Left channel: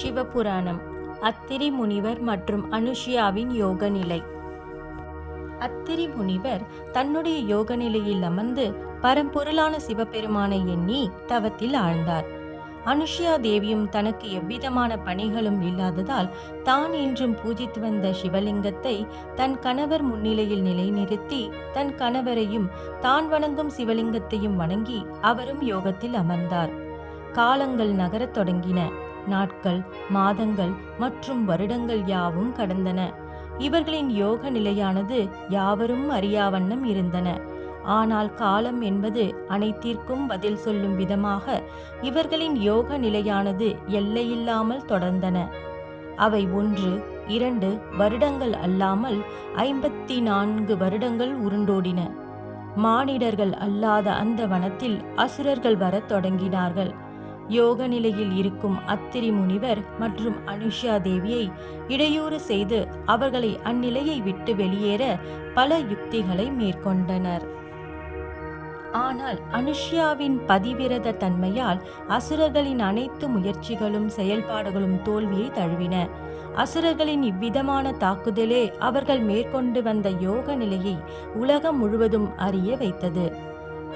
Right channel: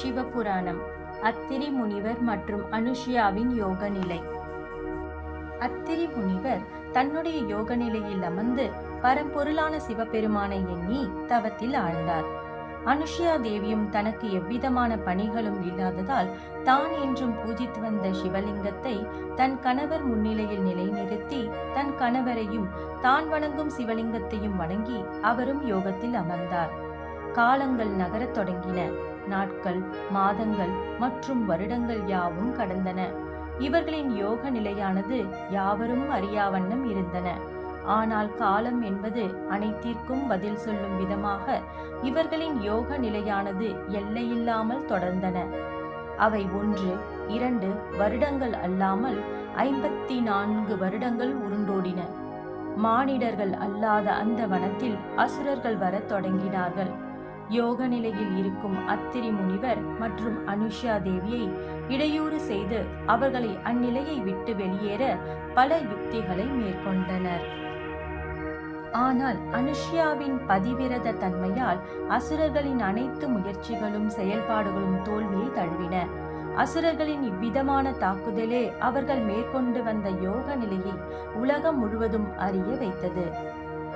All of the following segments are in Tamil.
சிவபுராணம். அத்திரி முனிவர் மற்றும் அனுஷியாவின் யோக நிலை. அத்திரி முனிவர் தன்னுடைய யோக நிலையில் அமர்ந்து பரம்பொருளான சிவபெருமானை எண்ணி தவத்தில் ஆழ்ந்தார். அனுஷியா தேவியும் தனக்கு எவ்விதமான பணிகளும் இல்லாததால் தான் என்றும் பூஜித்து வந்த சிவலிங்கத்தை தன் கணவர் முன்னிலையில் நிலைநிறுத்தி தன் கணவரையும் தான் வணங்கும் சிவலிங்கத்தையும் வணங்கி அவரும் யோகத்தில் அமர்ந்தார். காலங்கள் நகரத் தொடங்கின. நாட்கள், மாதங்கள் மற்றும் வருடங்கள் யாவும் கடந்தன. இவர்களின் யோக நிலையானது யாவரும் அறியாவண்ணம் இருந்தன. ஆனால் காலம் என்பது அனைத்திற்கும் பதில் சொல்லும் விதமாக இவர்களின் யோக நிலையானது எல்லையில்லாமல் தொடர்ந்தன. அவை 1, 2 வருடங்கள் அல்லாமல் 54 வருடங்கள் உருண்டோடின. மானிடர்கள் அல்லாத அந்த வனத்தில் அசுரர்கள் வரத் தொடங்கினார்கள். யோக நிலையில் இருக்கும் அத்திரி முனிவர் மற்றும் அனுஷியா தேவியை இடையூறு செய்து அவர்களை அந்நிலையை விட்டு வெளியேற பல யுக்திகளை மேற்கொண்டனர். ஆனால் அனுஷியாவின் பதிவிரத தன்மையால் அசுரர்களின் அனைத்து முயற்சிகளும் செயல்பாடுகளும் தோல்வியை தழுவின. அசுரர்களின் இவ்விதமான தாக்குதலே அவர்கள் மேற்கொண்டு வந்த யோக நிலையை உலகம் முழுவதும் அறிய வைத்தது.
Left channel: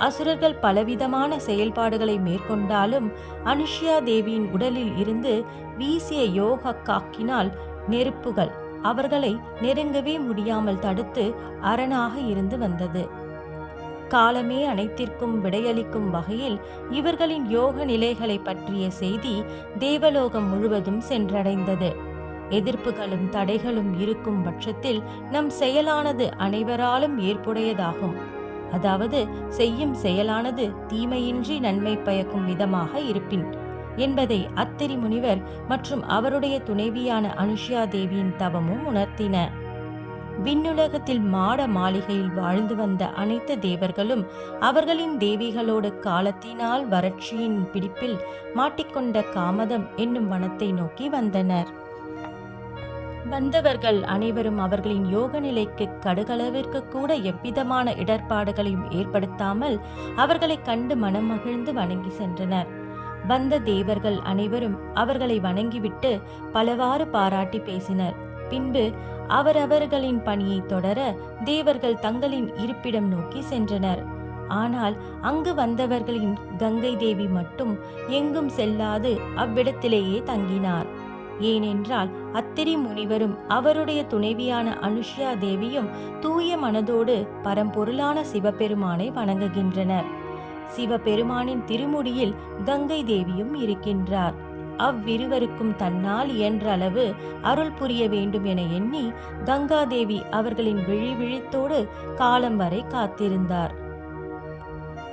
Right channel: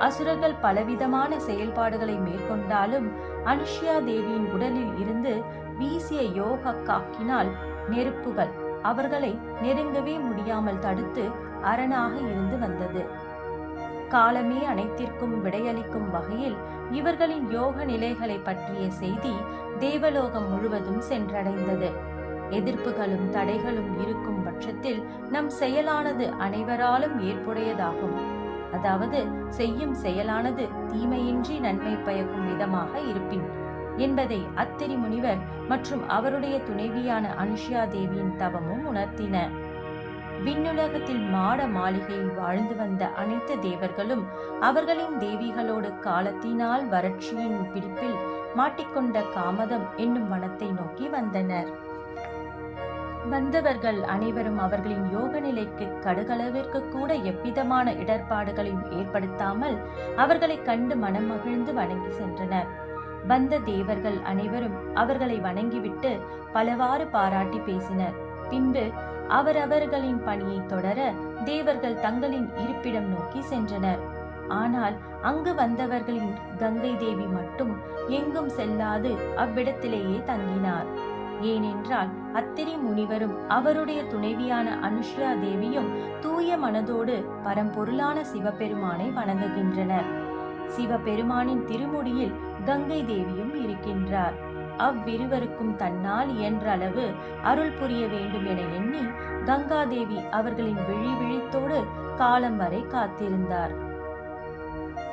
அசுரர்கள் பலவிதமான செயல்பாடுகளை மேற்கொண்டாலும் அனுஷியா தேவியின் உடலில் இருந்து வீசிய யோக காக்கினால் நெருப்புகள் அவர்களை நெருங்கவே முடியாமல் தடுத்து அரணாக இருந்து வந்தது. காலமே அனைத்திற்கும் விடையளிக்கும் வகையில் இவர்களின் யோக நிலைகளை பற்றிய செய்தி தேவலோகம் முழுவதும் சென்றடைந்தது. எதிர்ப்புகளும் தடைகளும் இருக்கும் பட்சத்தில் நம் செயலானது அனைவராலும் ஏற்புடையதாகும். அதாவது செய்யும் செயலானது தீமையின்றி நன்மை பயக்கும் விதமாக இருப்பின் என்பதை அத்திரி முனிவர் மற்றும் அவருடைய துணைவியான அனுஷியா தேவியின் தவமும் உணர்த்தின. விண்ணுலகத்தில் மாட மாளிகையில் வாழ்ந்து வந்த அனைத்து தேவர்களும் அவர்களின் தேவிகளோடு காலத்தினால் வறட்சியின் பிடிப்பில் மாட்டிக்கொண்ட காமதம் என்னும் வனத்தை நோக்கி வந்தனர். வந்தவர்கள் அனைவரும் அவர்களின் யோக நிலைக்கு கடுகளவிற்கு கூட எவ்விதமான இடர்பாடுகளையும் ஏற்படுத்தாமல் அவர்களை கண்டு மனம் மகிழ்ந்து வணங்கி சென்றனர். வந்த தேவர்கள் அனைவரும் அவர்களை வணங்கிவிட்டு பலவாறு பாராட்டி பேசினர். பின்பு அவரவர்களின் பணியை தொடர தேவர்கள் தங்களின் இருப்பிடம் நோக்கி சென்றனர். ஆனால் அங்கு வந்தவர்களின் கங்கை தேவி மட்டும் எங்கும் செல்லாது அவ்விடத்திலேயே தங்கினார். ஏனென்றால் அத்திரி முனிவரும் அவருடைய துணைவியான அனுஷியா தேவியும் தூய மனதோடு பரம்பொருளான சிவபெருமானை வணங்குகின்றனர். சிவபெருமானின் திருமுடியில் கங்கை தேவியும் இருக்கின்றார். அவ்விருவருக்கும் தன்னால் இயன்ற அளவு அருள் புரிய வேண்டும் என எண்ணி கங்காதேவி அவர்களின் விழிவிழித்தோடு காலம் வரை காத்திருந்தார்.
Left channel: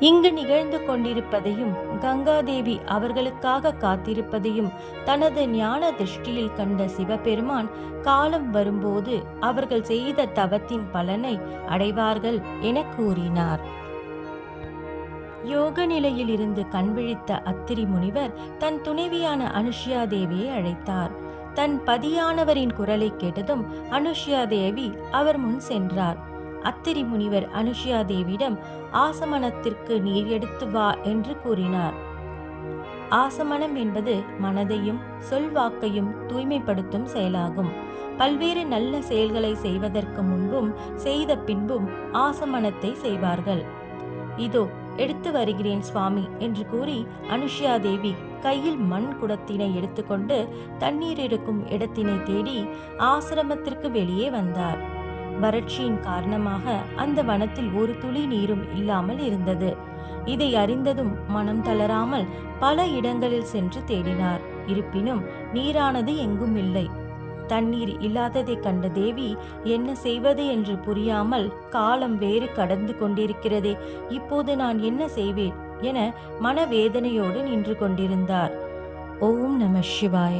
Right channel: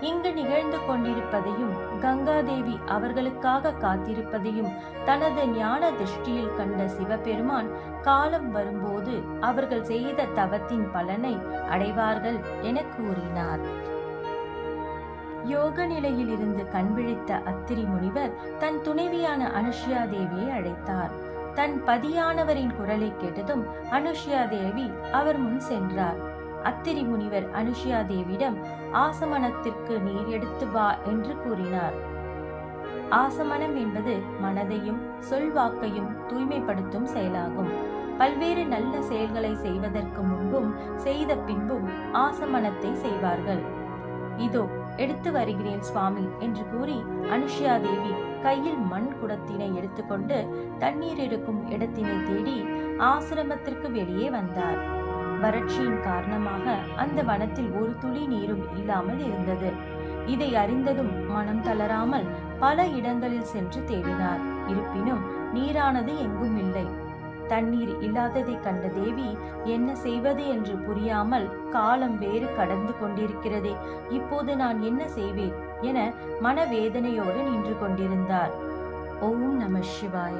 இங்கு நிகழ்ந்து கொண்டிருப்பதையும் கங்காதேவி அவர்களுக்காக காத்திருப்பதையும் தனது ஞான திருஷ்டியில் கண்ட சிவபெருமான் காலம் வரும்போது அவர்கள் செய்த தவத்தின் பலனை அடைவார்கள் என கூறினார். யோக நிலையில் இருந்து கண்விழித்த அத்திரி முனிவர் தன் துணைவியான அனுஷியா தேவியை அழைத்தார். தன் பதியானவரின் குரலை கேட்டதும் அனுஷியா தேவி அவர் முன் சென்றார். அத்திரி முனிவர் அனுஷியா தேவியிடம் ஆசமனத்திற்கு நீர் எடுத்து வா என்று கூறினார். ஆசமனம் என்பது மனதையும் சொல்வாக்கையும் தூய்மைப்படுத்தும் செயலாகும். பல்வேறு நல்ல செயல்களை செய்வதற்கு முன்பும் செய்த பின்பும் ஆசமனத்தை செய்வார்கள். இதோ எடுத்து வருகிறேன் சுவாமி என்று கூறி அனுஷியா தேவி கையில் மண் குடத்தினை எடுத்துக்கொண்டு தண்ணீர் இருக்கும் இடத்தினை தேடி ஆசிரமத்திற்கு வெளியே வந்தார். வறட்சியின் காரணமாக அந்த வனத்தில் ஒரு துளி நீரும் இல்லாமல் இருந்தது. இதை அறிந்ததும் மனம் தளராமல் பல இடங்களில் சென்று தேடினார். இருப்பினும் நீரானது எங்கும் இல்லை. தண்ணீர் இல்லாததை கண்ட தேவி என்ன செய்வது என்று புரியாமல் காலம் வேறு கடந்து கொண்டிருக்கிறதே, இப்போது நான் என்ன செய்வேன் என மனவேதனையோடு நின்று கொண்டிருந்தார். ஓம் நம சிவாய.